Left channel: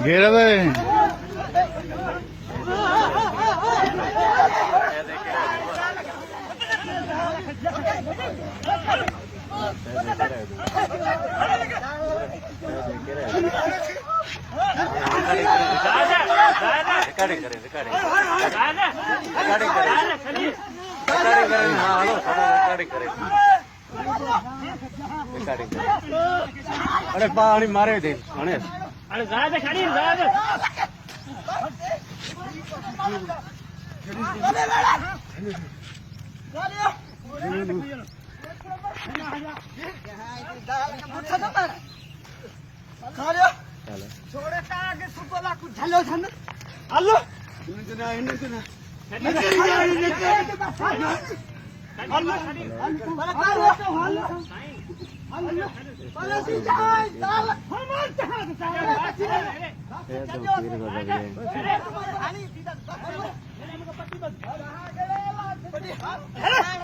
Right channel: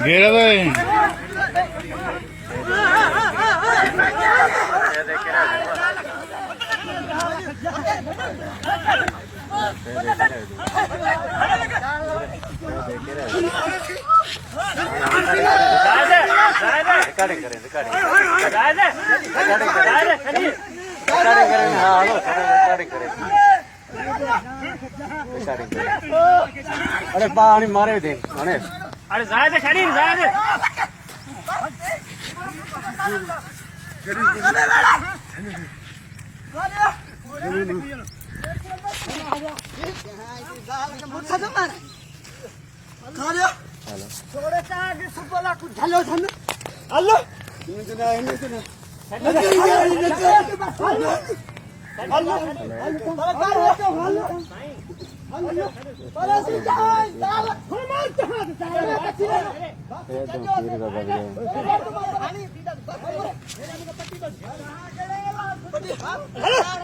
घेरा दे रिकॉर्डिंग करें रिकॉर्डिंग करें हाँ हेलो रिकॉर्डिंग करें रिकॉर्डिंग करें अरे पानी मारे दे अरे जाए दे खड़ी जाए दे